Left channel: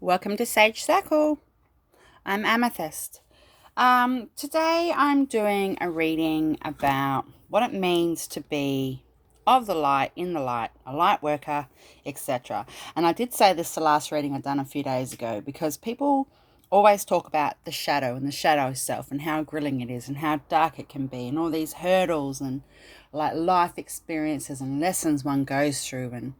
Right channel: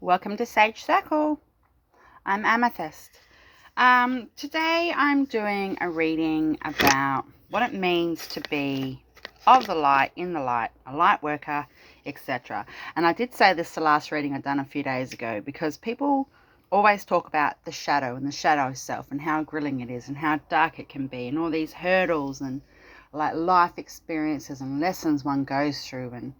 Welcome to Sage Circle. I'm Amythyst. Today I'm doing a reading about what it means to be of the light, in the light, a light worker, etc. And I did say this the last reading I'd done a few days ago because people always talk about the shadow and the shadow self and how grilling it is and how dark it can be and all these hurdles and like life experiences and lessons one goes through and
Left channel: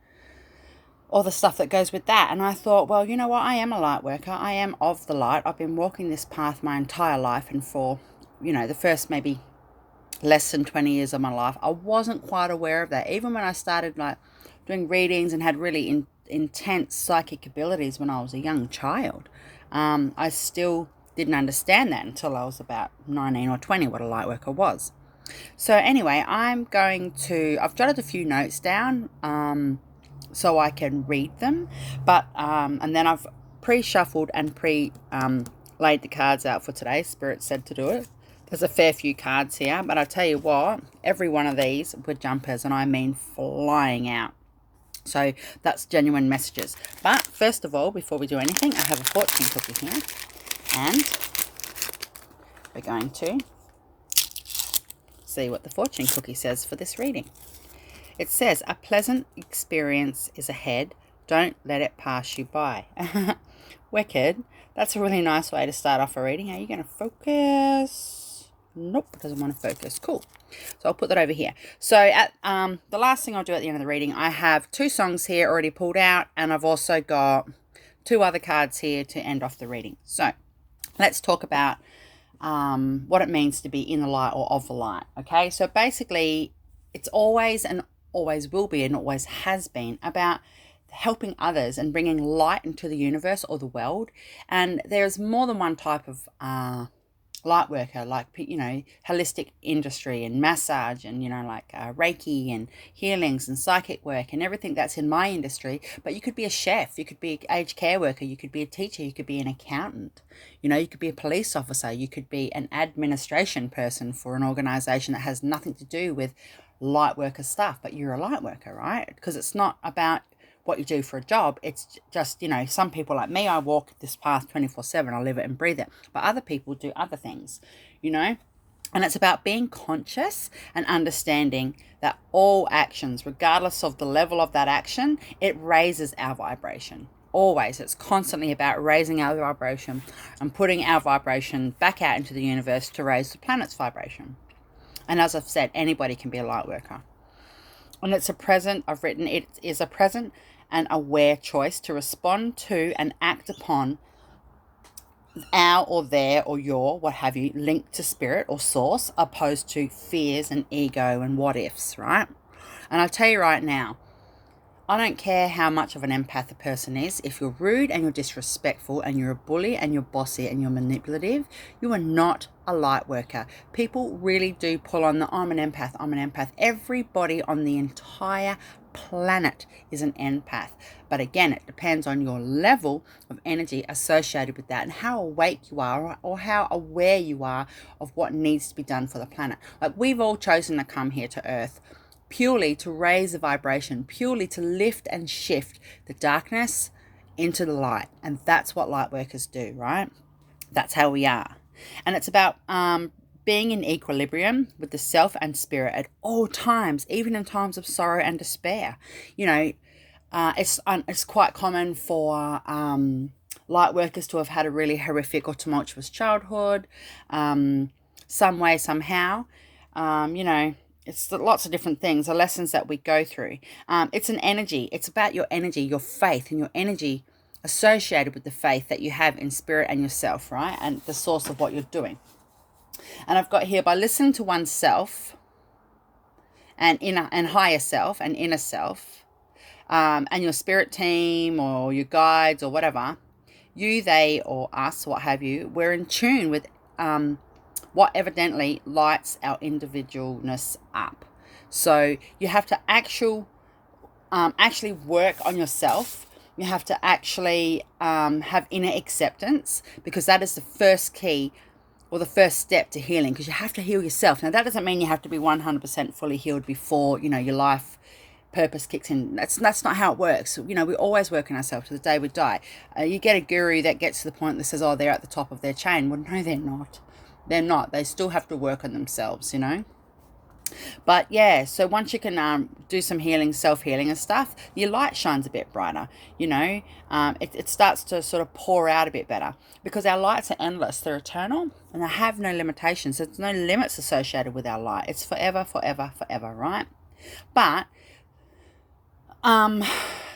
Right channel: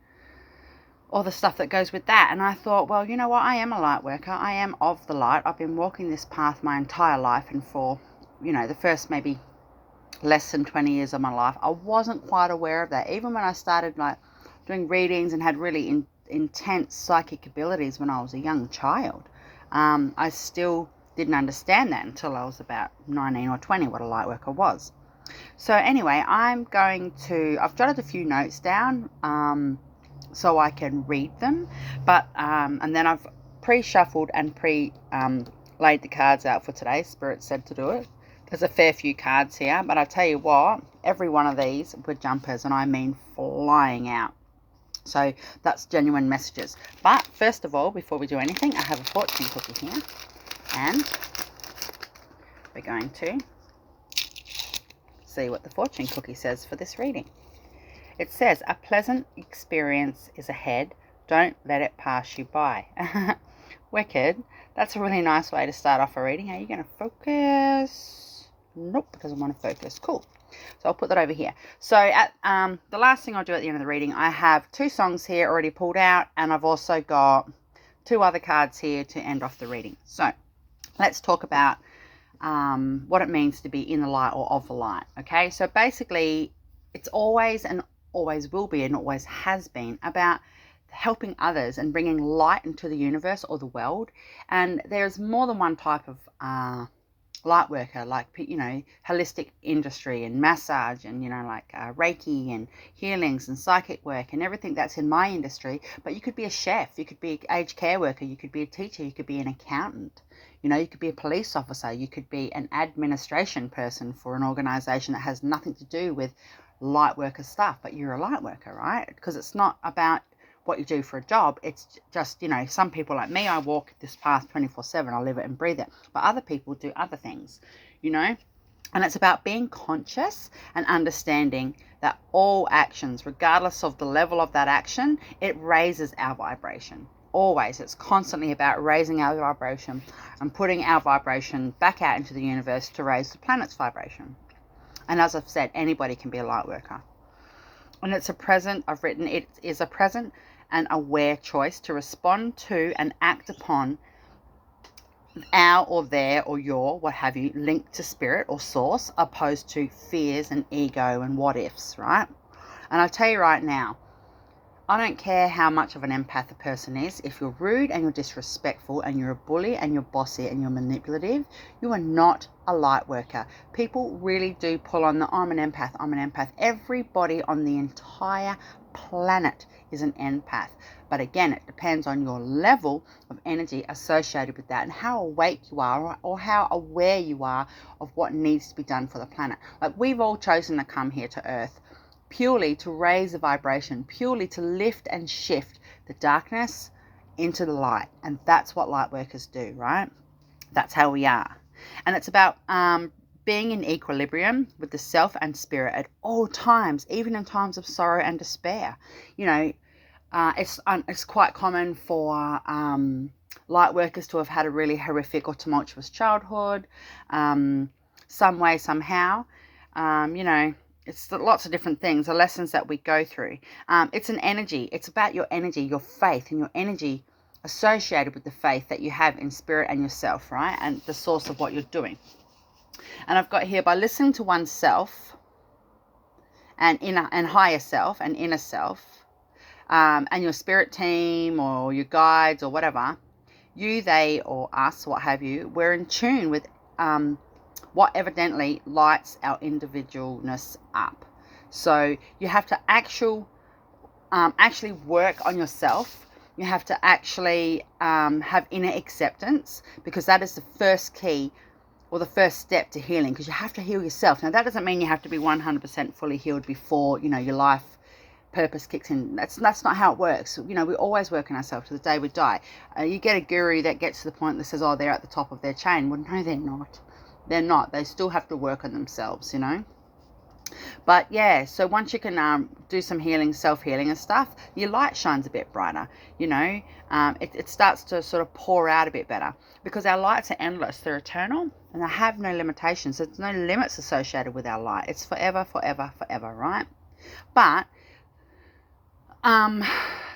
all the stuff that goes with that. And I thought, well, you know what? I am a light worker. I am of the light. I've been walking this path my entire life. And for, the first maybe less than 20 years of my life, I wasn't quite aware of that. Even when I started like doing readings and had really intense psychic abilities when I was a young child, I still didn't understand that until I was about 19 or 20, what a light worker was. So anyway, I've jotted a few notes down, so I can read them. But and then I've pre-shuffled and laid the cards out for today. Spirit said to do it. There's a fair few cards here, but I tell you what, every one of these were jumpers, and I mean flying out. So that's genuine messages. But first of all, before we do anything, I have a fortune cookie here, and we're going to see what the fortune cookie says for this reading. It says, a pleasant experience is ahead. Don't let it pass you by. Wicked. That's a really nice way to start off a reading. Are you going to focus? Nope, it doesn't want to focus. Cool. So I'll put that over here. So at the last thing I'll do at the end of the reading, I have 2 songs here already pulled out, and I've also got 2 other cards here to end off the reading. So let's talk about what it means to be in the light or of the light. Okay, so basically it's always will be and always has been about helping others and bringing light into the universe or the world. And there's more than one type of light worker, like holistic industry and massage and like Reiki and healings and psychic work and everything that's in my industry. But you could be a chef, you could be an aged care worker, you could be a teacher, you could be an accountant, you could be a police officer, you could be an administration person for an organization that has nothing to do with light worker stuff, but you're a light worker, right? Because it's not about what you do for a job. It's just, some people like me, I walk this path 24/7. I live it and breathe it. But other people do other things, and it's about being conscious and understanding that all actions, regardless of the level of that action, it raises our vibration. Always. It's constantly about raising our vibration and putting our vibration back out into the universe to raise the planet's vibration. And as I've said, anybody can be a light worker. And it's a present, I've written, it is a present and aware choice to respond to and act upon our or their or your, what have you, linked to spirit or source, opposed to fears and ego and what ifs, right? And I'll tell you right now, I don't care how much of an empath a person is. If you're rude and you're disrespectful and you're a bully and you're bossy and you're manipulative, you are not a light worker. People really do pull on I'm an empath, I'm an empath. Everybody on the entire planet is an empath. But again, it depends on your level of energy associated with that and how awake you are or how aware you are of what needs to be done for the planet. Like, we've all chosen to come here to Earth purely to raise the vibration, purely to lift and shift the darkness into the light. And that's what light workers do, right? That's how we are. And it's about being in equilibrium with the self and spirit at all times, even in times of sorrow and despair. It's quite common for light workers to have had a really horrific or tumultuous childhood, some way, somehow. It's lots of different things, the lessons that we go through. It's an energy. It's about your energy, your faith, and your energy associated with the faith that you have in spirit and yourself, right? And the source of what you're doing. And I've got here, by listening to oneself and higher self and inner self, and your spirit team or your guides or whatever, you, they, or us, what have you, we're in tune with what evidently lights our individualness up. So you have to actually work on yourself. You have to actually have inner acceptance, because that is the first key or the first step to healing, because you have to heal yourself. Now, that doesn't mean you have to be 100% fully healed before, your life purpose kicks in. That's not how it works. You know, we always work on ourselves to the day we die. You get a guru that gets to the point that says, oh, they're at the top of their chain. Well, no, they're not. They're not. They still have to work on themselves, you know. But yeah, so once you can do some healing, self-healing and stuff, your light shines a bit brighter, you know. It starts to sort of pour out a bit better, because our lights are endless. They're eternal and they have no limitations. There's no limits associated with our light. It's forever, forever, forever, right? But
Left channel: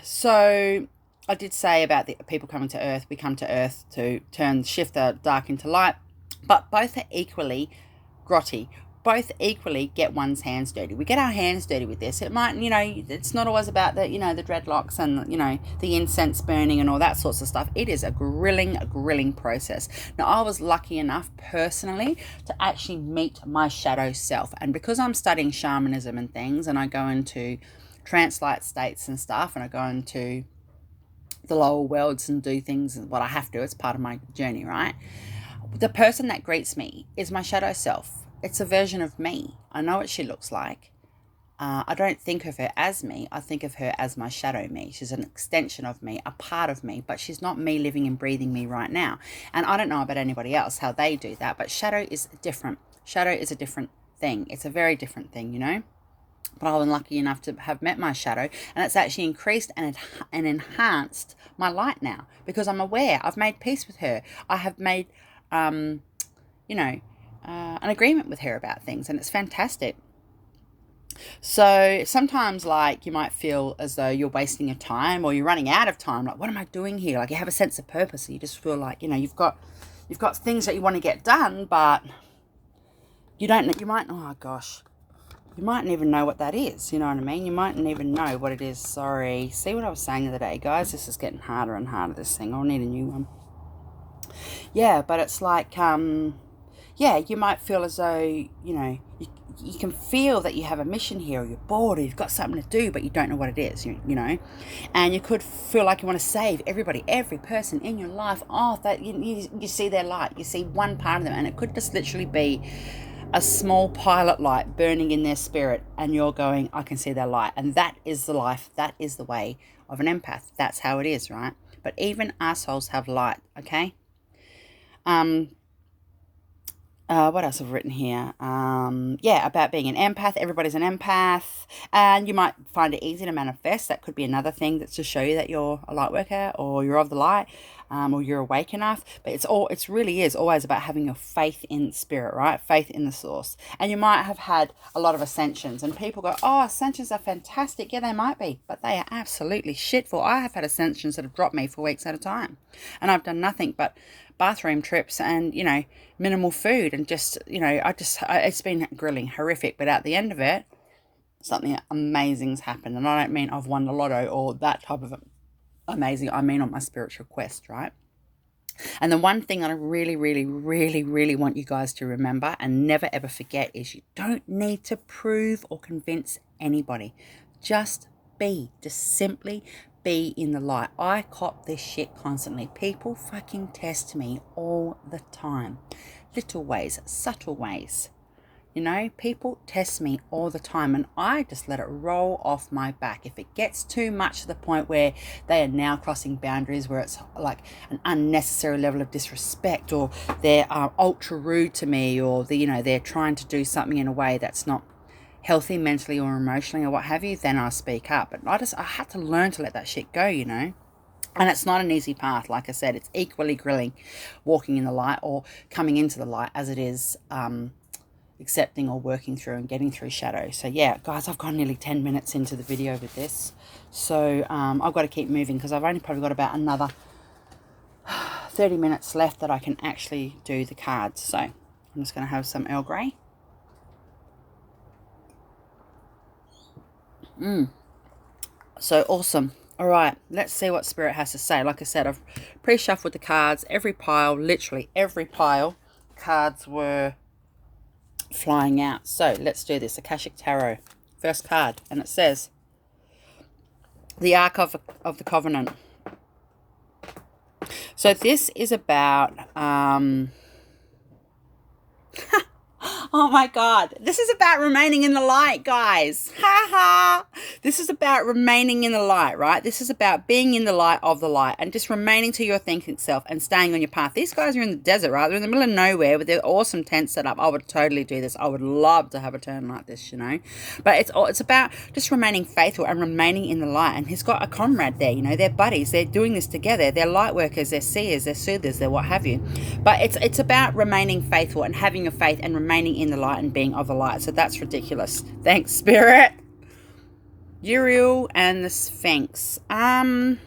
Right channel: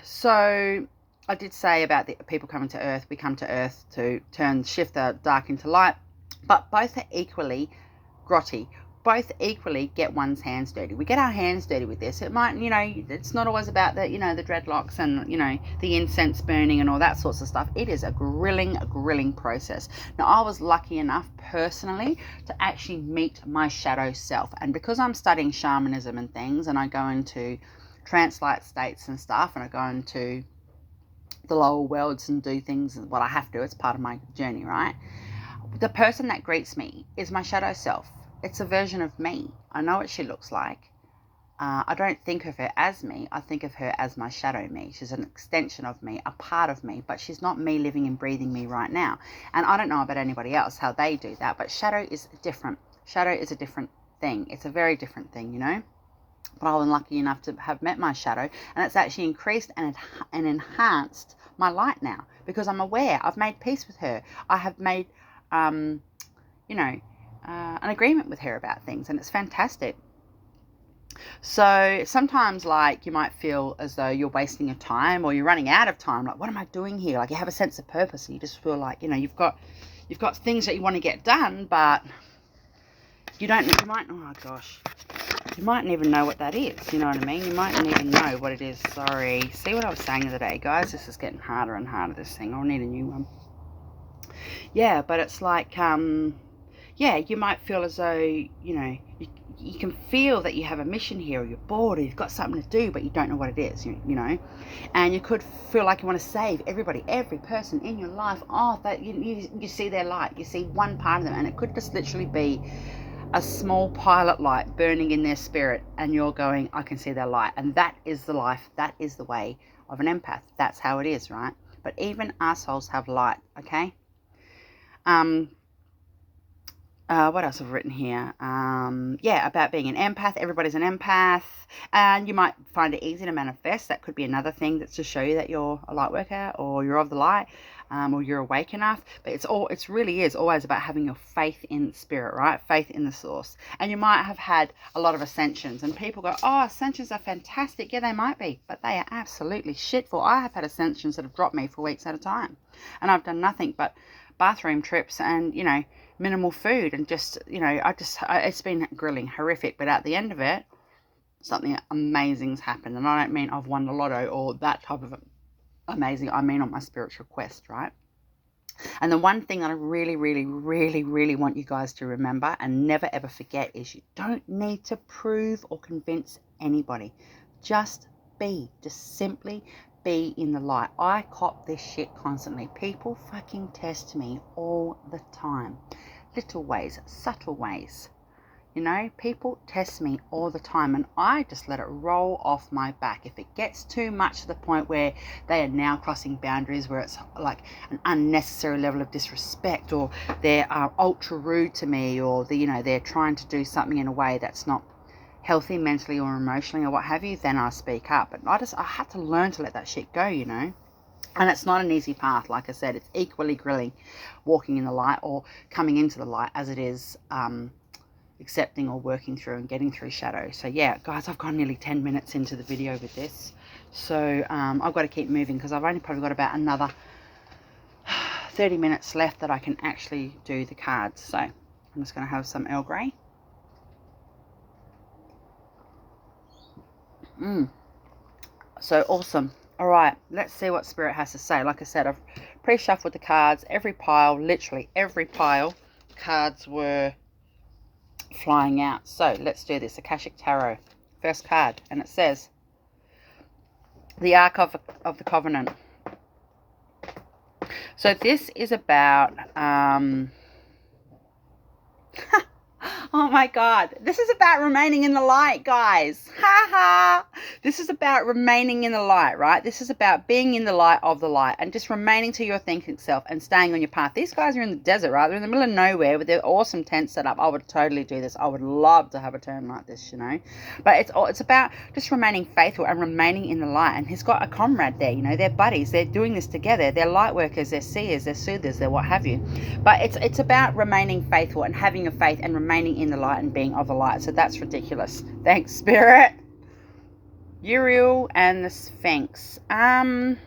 so I did say about the people coming to Earth. We come to Earth to shift the dark into light, but both are equally grotty. Both equally get one's hands dirty. We get our hands dirty with this. It might, you know, it's not always about the, you know, the dreadlocks and, you know, the incense burning and all that sorts of stuff. It is a grilling process. Now, I was lucky enough personally to actually meet my shadow self. And because I'm studying shamanism and things, and I go into trance-like states and stuff, and I go into the lower worlds and do things, what I have to, it's part of my journey, right? The person that greets me is my shadow self. It's a version of me. I know what she looks like. I don't think of her as me. I think of her as my shadow me. She's an extension of me, a part of me, but she's not me living and breathing me right now. And I don't know about anybody else, how they do that, but shadow is different. Shadow is a different thing. It's a very different thing, you know. But I was lucky enough to have met my shadow, and it's actually increased and enhanced my light now, because I'm aware. I've made peace with her. I have made, you know, an agreement with her about things, and it's fantastic. So sometimes, like, you might feel as though you're wasting your time, or you're running out of time. Like, what am I doing here? Like, you have a sense of purpose, and you just feel like, you know, you've got things that you want to get done, but you don't. You might. Oh gosh. You mightn't even know what that is. You know what I mean? You mightn't even know what it is. Sorry. See what I was saying the other day, guys? This is getting harder and harder, this thing. I'll need a new one. Yeah, but it's like, yeah, you might feel as though, you know, you can feel that you have a mission here, or you're bored, or you've got something to do, but you don't know what it is, you know. And you could feel like you want to save everybody, every person in your life. Oh, that you see their light. You see one part of them, and it could just literally be a small pilot light burning in their spirit, and you're going, I can see their light. And that is the life, that is the way of an empath. That's how it is, right? But even assholes have light, okay? What else have I written here? Yeah, about being an empath. Everybody's an empath, and you might find it easy to manifest. That could be another thing that's to show you that you're a light worker, or you're of the light, or you're awake enough. But it's really is always about having your faith in spirit, right? Faith in the source. And you might have had a lot of ascensions, and people go, oh, ascensions are fantastic. Yeah, they might be, but they are absolutely shitful. I have had ascensions that have dropped me for weeks at a time, and I've done nothing but bathroom trips and, you know, minimal food, and just, you know, it's been grilling, horrific, but at the end of it, something amazing's happened. And I don't mean I've won the lotto or that type of amazing. I mean on my spiritual quest, right? And the one thing that I really, really, really, really want you guys to remember and never ever forget is, you don't need to prove or convince anybody. Just simply be in the light. I cop this shit constantly. People fucking test me all the time. Little ways, subtle ways. You know, people test me all the time, and I just let it roll off my back. If it gets too much to the point where they are now crossing boundaries, where it's like an unnecessary level of disrespect, or they're ultra rude to me, or they're trying to do something in a way that's not healthy mentally or emotionally or what have you, then I speak up. But I had to learn to let that shit go, you know. And it's not an easy path. Like I said, it's equally grilling walking in the light or coming into the light as it is accepting or working through and getting through shadow. So yeah, guys, I've gone nearly 10 minutes into the video with this. So I've got to keep moving, because I've only probably got about another 30 minutes left that I can actually do the cards. So I'm just going to have some Earl Grey. So awesome. All right, let's see what Spirit has to say. Like I said, I've pre-shuffled the cards. Every pile, literally every pile, cards were flying out. So let's do this. Akashic Tarot, first card, and it says the Ark of the Covenant. So this is about I Oh my God. This is about remaining in the light, guys. Ha ha. This is about remaining in the light, right? This is about being in the light of the light and just remaining to your thinking self and staying on your path. These guys are in the desert, right? They're in the middle of nowhere with their awesome tent set up. I would totally do this. I would love to have a turn like this, you know. But it's about just remaining faithful and remaining in the light. And he's got a comrade there, you know. They're buddies. They're doing this together. They're light workers. They're seers. They're soothers. They're what have you. But it's about remaining faithful and having a faith and remaining in the light and being of the light. So that's ridiculous. Thanks, Spirit. Uriel and the Sphinx. Just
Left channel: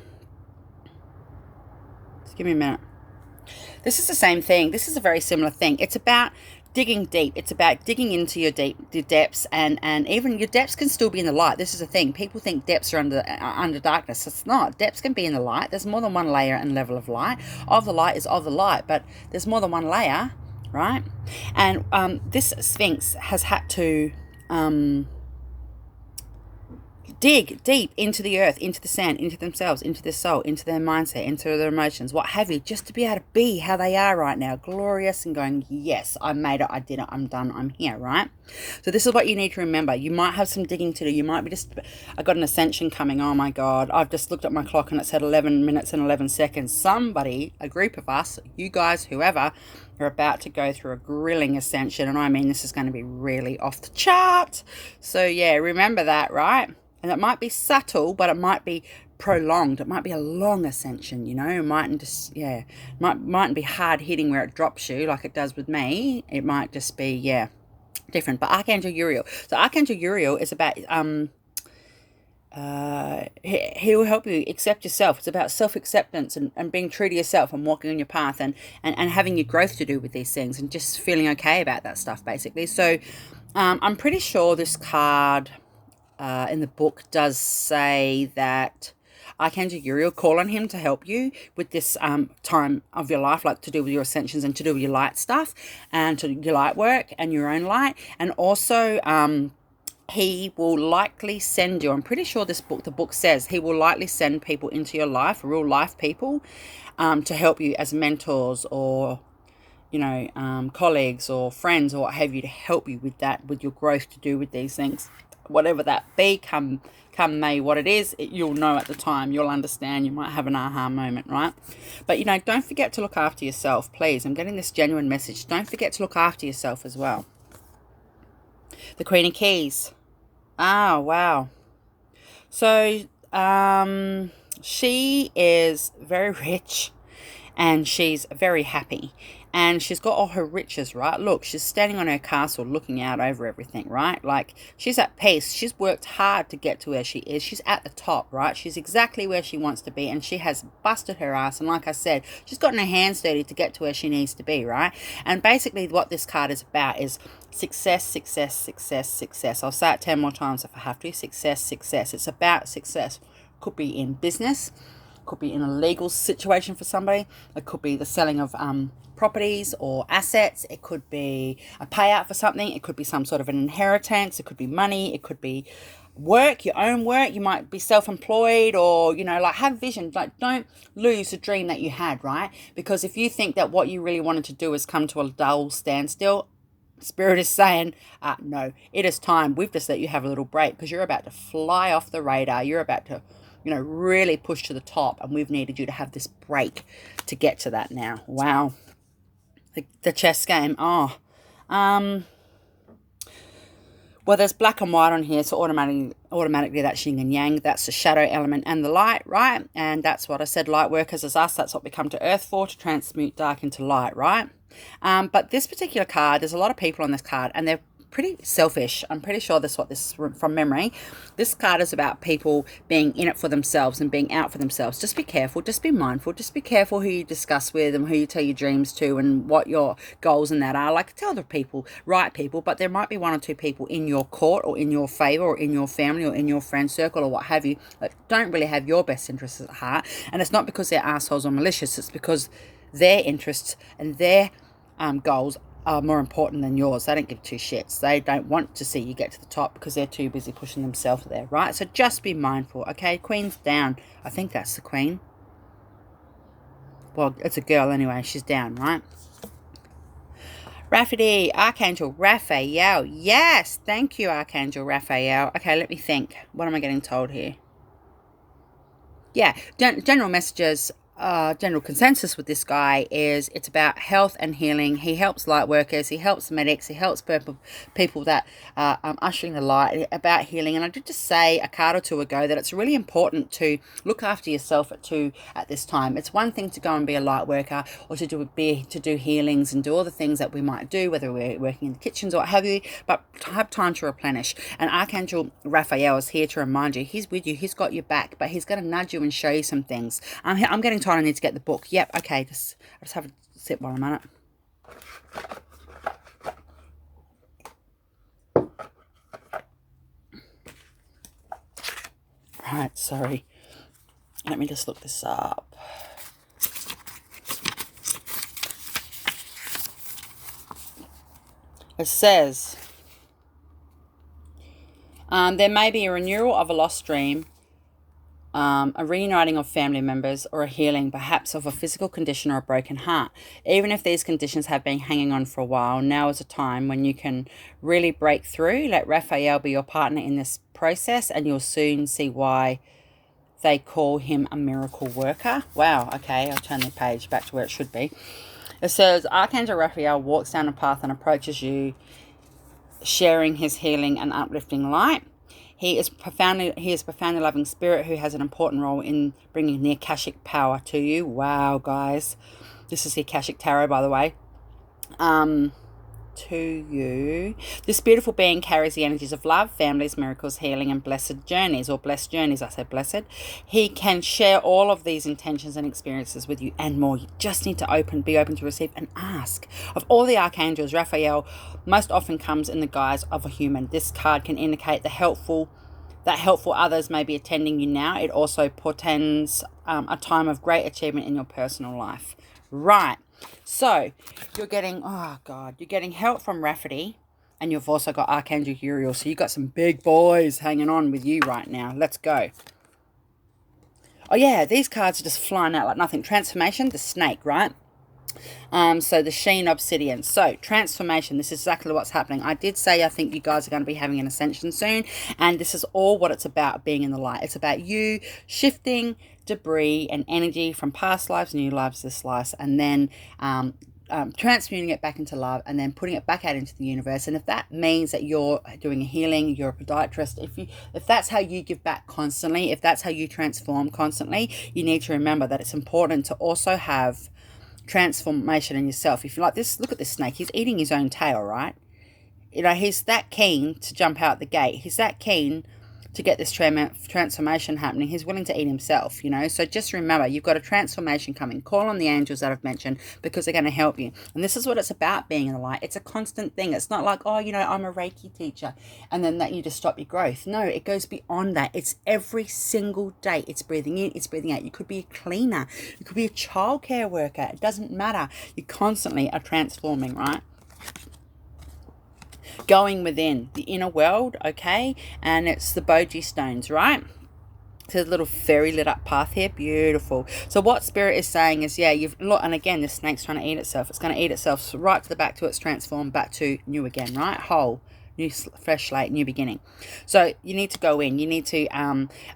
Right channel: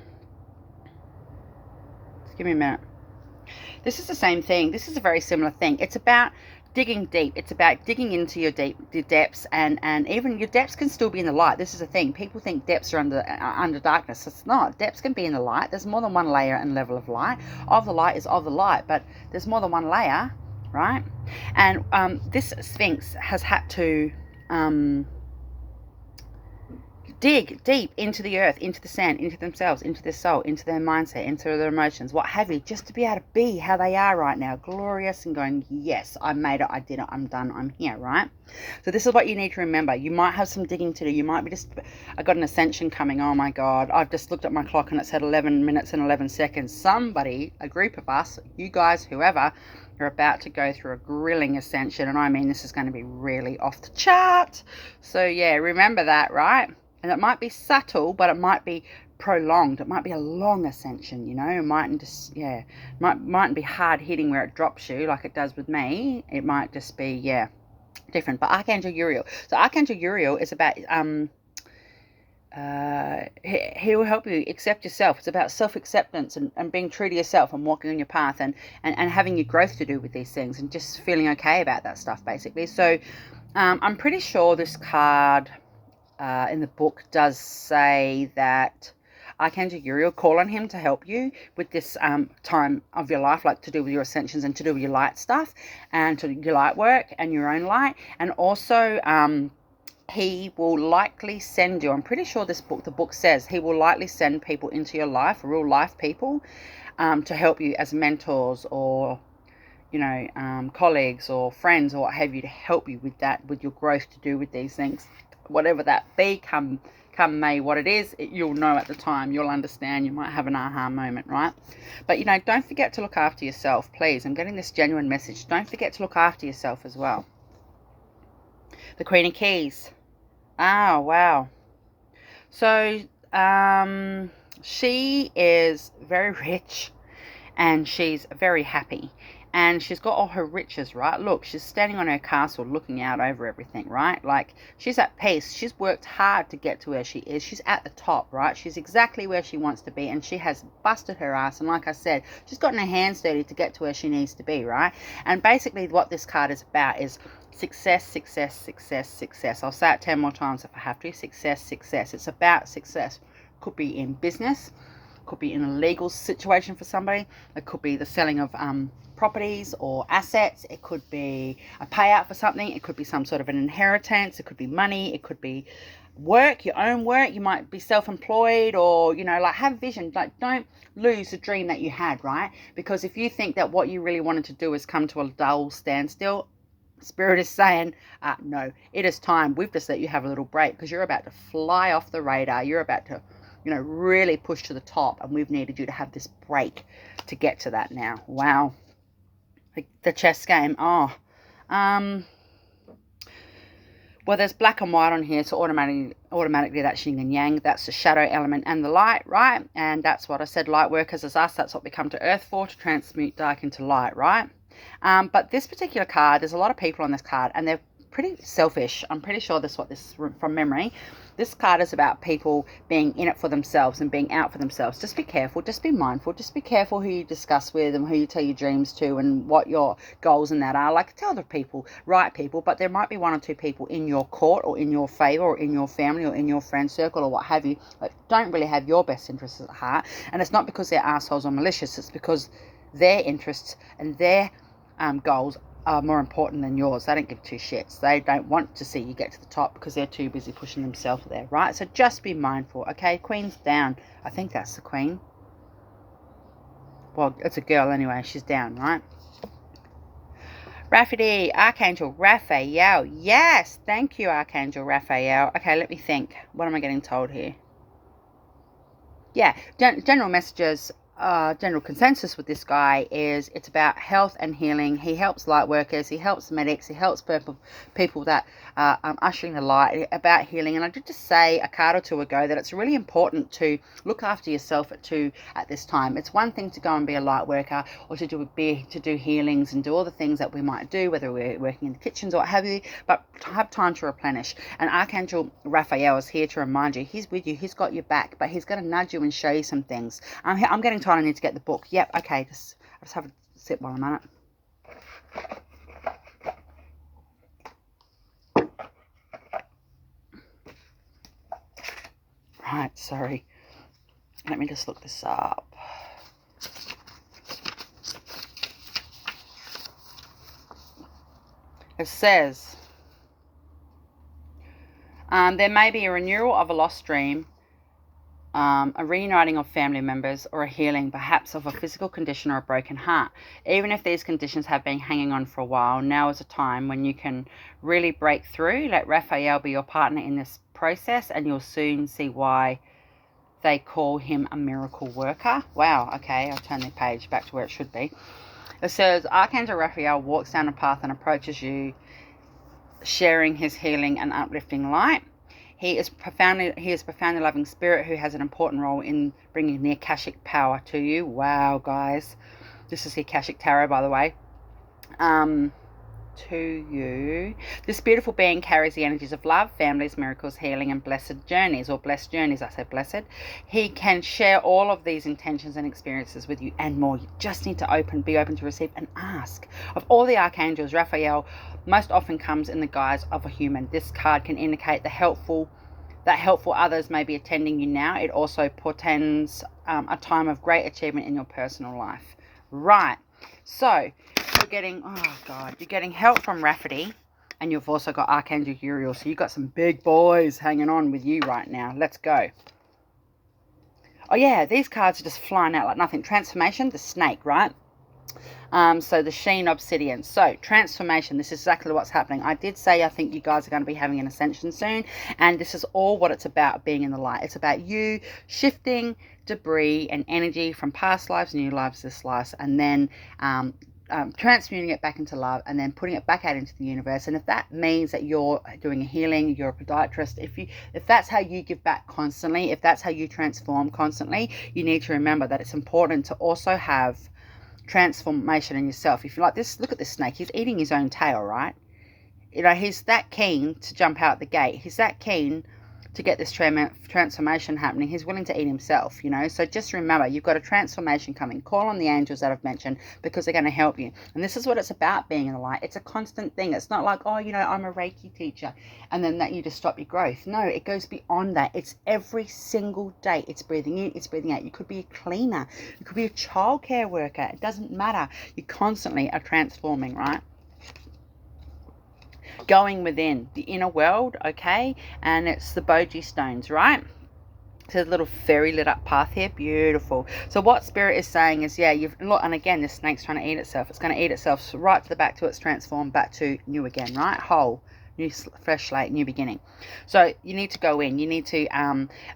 give me a minute. This is the same thing. This is a very similar thing. It's about digging deep. It's about digging into your depths, and even your depths can still be in the light. This is the thing. People think depths are under darkness. It's not. Depths can be in the light. There's more than one layer and level of light. Of the light is of the light, but there's more than one layer, right? And this Sphinx has had to dig deep into the earth, into the sand, into themselves, into their soul, into their mindset, into their emotions, what have you, just to be able to be how they are right now, glorious and going, yes, I made it, I did it, I'm done, I'm here, right? So this is what you need to remember. You might have some digging to do. You might be I got an ascension coming. Oh my God. I've just looked at my clock and it said 11 minutes and 11 seconds. Somebody, a group of us, you guys, whoever, are about to go through a grilling ascension. And I mean, this is going to be really off the chart. So yeah, remember that, right? And it might be subtle, but it might be prolonged. It might be a long ascension, you know. It mightn't just, yeah, mightn't be hard hitting where it drops you like it does with me. It might just be, yeah, different. But Archangel Uriel. So Archangel Uriel is about he'll help you accept yourself. It's about self-acceptance and being true to yourself and walking on your path and having your growth to do with these things and just feeling okay about that stuff, basically. So I'm pretty sure this card in the book does say that Archangel Uriel, call on him to help you with this time of your life, like to do with your ascensions and to do with your light stuff and to your light work and your own light. And also he will likely send you, I'm pretty sure the book says he will likely send people into your life, real life people, to help you as mentors or, you know, colleagues or friends or what have you, to help you with that, with your growth to do with these things. Whatever that be, come May, what it is, you'll know at the time, you'll understand, you might have an aha moment, right? But, you know, don't forget to look after yourself, please. I'm getting this genuine message. Don't forget to look after yourself as well. The Queen of Keys. Oh, wow. So, she is very rich and she's very happy. And she's got all her riches, right? Look, she's standing on her castle looking out over everything, right? Like, she's at peace. She's worked hard to get to where she is. She's at the top, right? She's exactly where she wants to be. And she has busted her ass. And like I said, she's gotten her hands dirty to get to where she needs to be, right? And basically what this card is about is success, success, success, success. I'll say it 10 more times if I have to. Success, success. It's about success. Could be in business. Could be in a legal situation for somebody. It could be the selling of properties or assets. It could be a payout for something. It could be some sort of an inheritance. It could be money. It could be work, your own work. You might be self-employed or, you know, like have vision. Like, don't lose the dream that you had, right? Because if you think that what you really wanted to do has come to a dull standstill, Spirit is saying, no, it is time. We've just let you have a little break because you're about to fly off the radar. You're about to, you know, really push to the top, and we've needed you to have this break to get to that now. Wow. The chess game. Oh, well, there's black and white on here, so automatically that's yin and yang. That's the shadow element and the light, right? And that's what I said, light workers is us. That's what we come to Earth for, to transmute dark into light, right? But this particular card, there's a lot of people on this card, and they're pretty selfish. I'm pretty sure this is from memory. This card is about people being in it for themselves and being out for themselves. Just be careful. Just be mindful. Just be careful who you discuss with and who you tell your dreams to and what your goals in that are. Like, tell the people, right people, but there might be one or two people in your court or in your favor or in your family or in your friend circle or what have you that don't really have your best interests at heart. And it's not because they're assholes or malicious. It's because their interests and their goals are more important than yours. They don't give two shits. They don't want to see you get to the top because they're too busy pushing themselves there, right? So just be mindful, okay? Queen's down. I think that's the Queen. Well, it's a girl anyway. She's down, right? Raphael, Archangel Raphael. Yes, thank you, Archangel Raphael. Okay, let me think. What am I getting told here? Yeah, general messages, general consensus with this guy is it's about health and healing. He helps light workers, he helps medics, he helps people that are ushering the light, about healing. And I did just say a card or two ago that it's really important to look after yourself at this time. It's one thing to go and be a light worker or to do healings and do all the things that we might do, whether we're working in the kitchens or what have you, but to have time to replenish. And Archangel Raphael is here to remind you, he's with you, he's got your back, but he's going to nudge you and show you some things. I'm getting told I need to get the book. Yep, okay, I'll just have a sip while I'm at it. Right, sorry. Let me just look this up. It says, there may be a renewal of a lost dream, a reuniting of family members, or a healing perhaps of a physical condition or a broken heart. Even if these conditions have been hanging on for a while, now is a time when you can really break through. Let Raphael be your partner in this process, and you'll soon see why they call him a miracle worker. Wow, okay, I'll turn the page back to where it should be. It says, Archangel Raphael walks down a path and approaches you, sharing his healing and uplifting light. He is profoundly loving spirit who has an important role in bringing the Akashic power to you. Wow, guys. This is the Akashic Tarot, by the way. To you. This beautiful being carries the energies of love, families, miracles, healing, and blessed journeys, or blessed journeys. I said blessed. He can share all of these intentions and experiences with you and more. You just need to be open to receive and ask. Of all the archangels, Raphael most often comes in the guise of a human. This card can indicate that helpful others may be attending you now. It also portends a time of great achievement in your personal life. Right. So you're getting help from Rafferty, and you've also got Archangel Uriel. So you've got some big boys hanging on with you right now. Let's go. Oh yeah, these cards are just flying out like nothing. Transformation, the snake, right? So the Sheen Obsidian. So transformation, this is exactly what's happening. I did say I think you guys are going to be having an ascension soon, and this is all what it's about, being in the light. It's about you shifting debris and energy from past lives, new lives, this life, and then transmuting it back into love, and then putting it back out into the universe. And if that means that you're doing a healing, you're a podiatrist, if that's how you give back constantly, if that's how you transform constantly, you need to remember that it's important to also have transformation in yourself. If you like this, look at this snake. He's eating his own tail, right? You know, he's that keen to jump out the gate. He's that keen to get this transformation happening. He's willing to eat himself, you know. So just remember, you've got a transformation coming. Call on the angels that I've mentioned, because they're going to help you. And this is what it's about, being in the light. It's a constant thing. It's not like, oh, you know, I'm a Reiki teacher, and then that you just stop your growth. No, it goes beyond that. It's every single day. It's breathing in, it's breathing out. You could be a cleaner. You could be a childcare worker. It doesn't matter. You constantly are transforming, right? Going within the inner world, okay? And it's the Boji stones, right? So a little fairy lit up path here. Beautiful. So what Spirit is saying is, yeah, look, and again, this snake's trying to eat itself. It's going to eat itself right to the back to its transform, back to new again, right? Whole. New, fresh slate, new beginning. So you need to go in. You need to,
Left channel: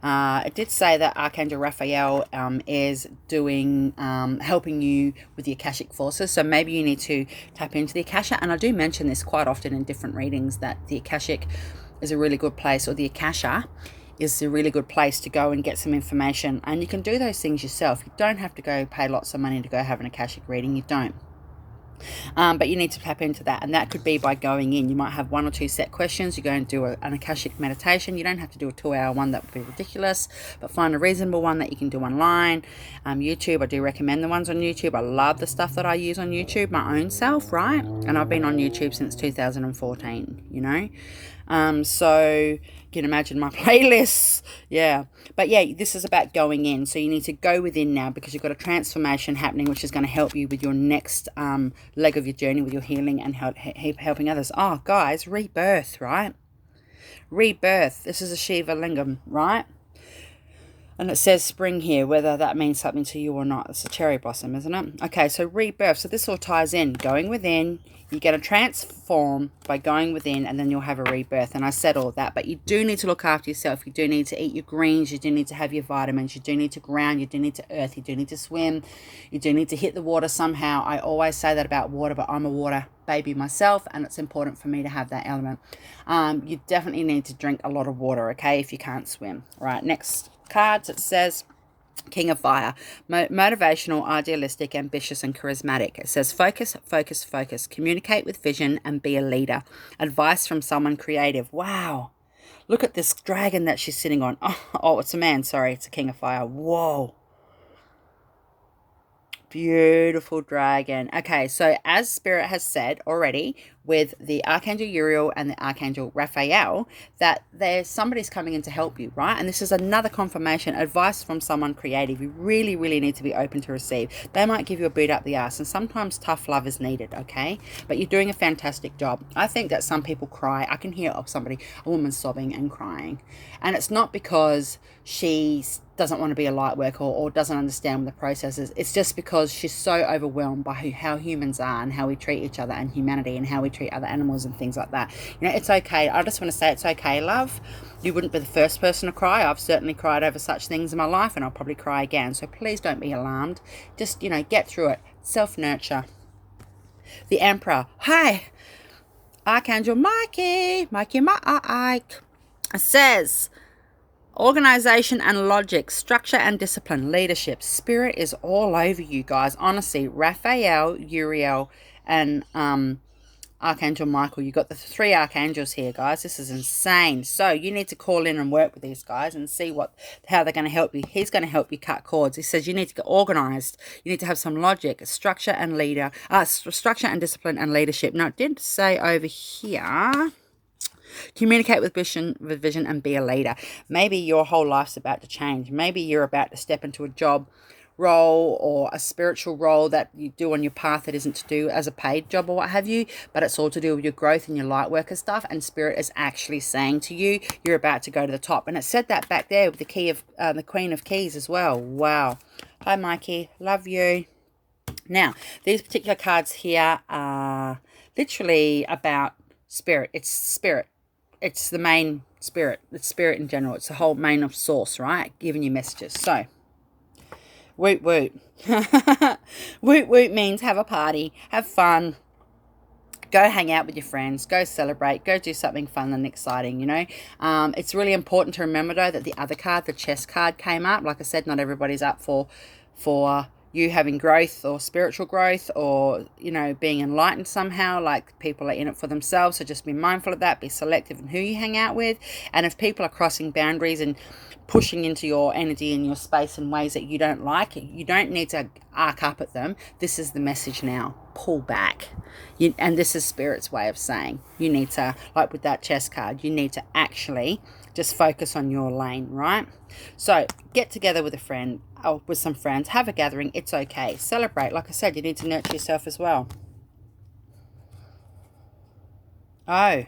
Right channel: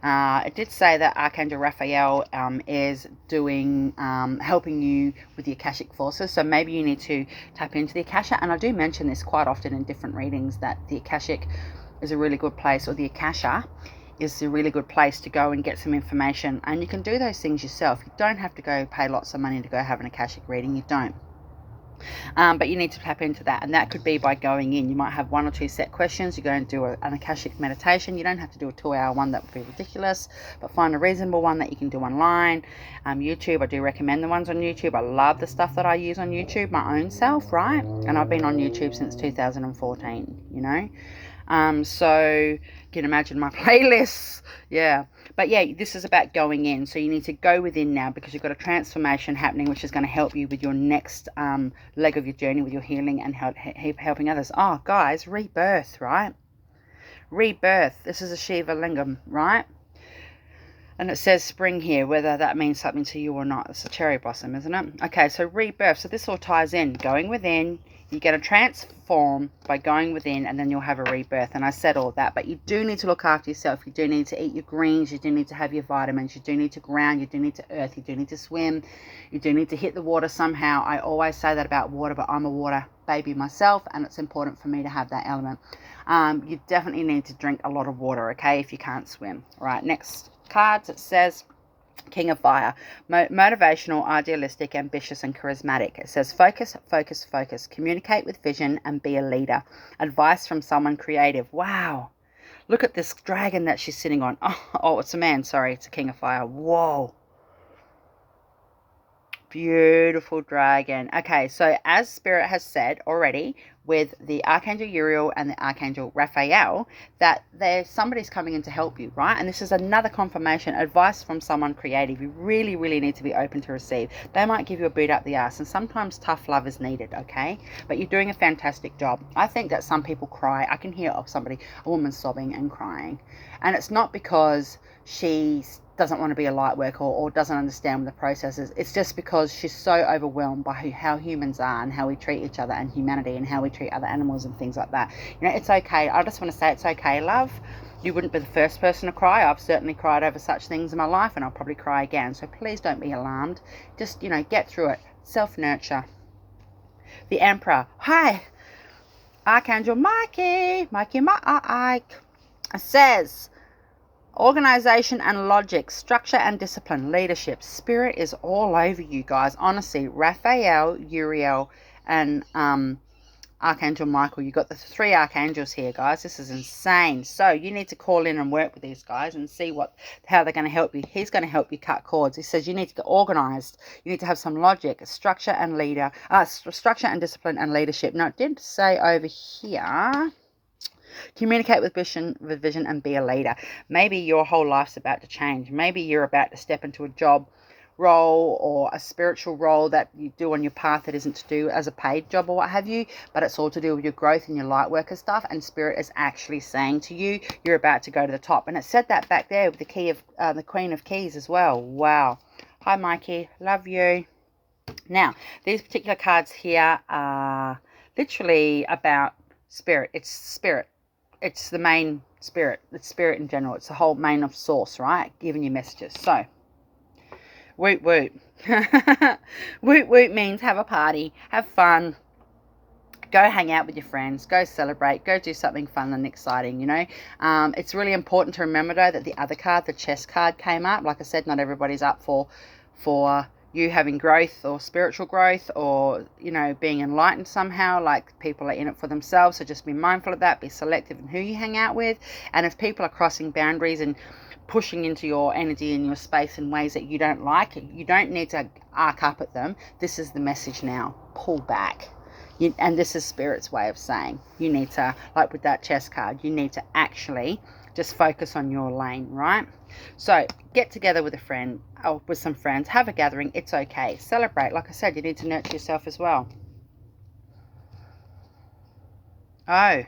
it did say that Archangel Raphael is doing, helping you with the Akashic forces. So maybe you need to tap into the Akasha. And I do mention this quite often in different readings, that the Akashic is a really good place, or the Akasha is a really good place to go and get some information. And you can do those things yourself. You don't have to go pay lots of money to go have an Akashic reading. You don't. But you need to tap into that, and that could be by going in. You might have one or two set questions. You go and do an Akashic meditation. You don't have to do a 2-hour one. That would be ridiculous, but find a reasonable one that you can do online. YouTube, I do recommend the ones on YouTube. I love the stuff that I use on YouTube, my own self, right? And I've been on YouTube since 2014, you know. So you can imagine my playlists. Yeah. But yeah, this is about going in. So you need to go within now, because you've got a transformation happening, which is going to help you with your next leg of your journey, with your healing and helping others. Oh, guys, rebirth, right? Rebirth. This is a Shiva Lingam, right? And it says spring here, whether that means something to you or not. It's a cherry blossom, isn't it? Okay, so rebirth. So this all ties in. Going within, you're going to transform by going within, and then you'll have a rebirth. And I said all that, but you do need to look after yourself. You do need to eat your greens. You do need to have your vitamins. You do need to ground. You do need to earth. You do need to swim. You do need to hit the water somehow. I always say that about water, but I'm a water baby myself, and it's important for me to have that element. You definitely need to drink a lot of water, okay, if you can't swim. Right, next cards, it says King of Fire, motivational, idealistic, ambitious, and charismatic. It says focus, focus, focus, communicate with vision, and be a leader. Advice from someone creative. Wow, look at this dragon that she's sitting on. Oh, it's a man, sorry, it's a King of Fire. Whoa, beautiful dragon. Okay, so as Spirit has said already, with the Archangel Uriel and the Archangel Raphael, that somebody's coming in to help you, right? And this is another confirmation, advice from someone creative. You really, really need to be open to receive. They might give you a boot up the ass, and sometimes tough love is needed, okay? But you're doing a fantastic job. I think that some people cry. I can hear a woman sobbing and crying. And it's not because she doesn't want to be a light worker or doesn't understand the processes. It's just because she's so overwhelmed by how humans are and how we treat each other and humanity and how we treat other animals and things like that. You know, it's okay. I just want to say it's okay, love. You wouldn't be the first person to cry. I've certainly cried over such things in my life, and I'll probably cry again. So please don't be alarmed. Just, get through it. Self-nurture. The Emperor. Hi. Archangel Mikey. Mike. Says organization and logic, structure and discipline, leadership. Spirit is all over you guys. Honestly, Raphael, Uriel, and Archangel Michael. You got the 3 archangels here, guys. This is insane. So you need to call in and work with these guys and see how they're going to help you. He's going to help you cut cords. He says you need to get organized. You need to have some logic, structure and structure and discipline and leadership. Now, it did say over here, communicate with vision and be a leader. Maybe your whole life's about to change. Maybe you're about to step into a job role or a spiritual role that you do on your path that isn't to do as a paid job or what have you, but it's all to do with your growth and your light worker stuff. And Spirit is actually saying to you, you're about to go to the top. And it said that back there with the Queen of Keys as well. Wow. Hi, Mikey. Love you. Now, these particular cards here are literally about Spirit. It's Spirit. It's the main Spirit. It's Spirit in general. It's the whole main of source, right? Giving you messages. So, woot woot. Woot woot means have a party, have fun, go hang out with your friends, go celebrate, go do something fun and exciting, It's really important to remember, though, that the other card, the chess card, came up. Like I said, not everybody's up for you having growth or spiritual growth or, being enlightened somehow. Like, people are in it for themselves. So just be mindful of that. Be selective in who you hang out with. And if people are crossing boundaries and pushing into your energy and your space in ways that you don't like, you don't need to arc up at them. This is the message now. Pull back. And this is Spirit's way of saying you need to, like with that chess card, you need to actually just focus on your lane, right? So get together with a friend or with some friends, have a gathering. It's okay. Celebrate. Like I said, you need to nurture yourself as well. Oh,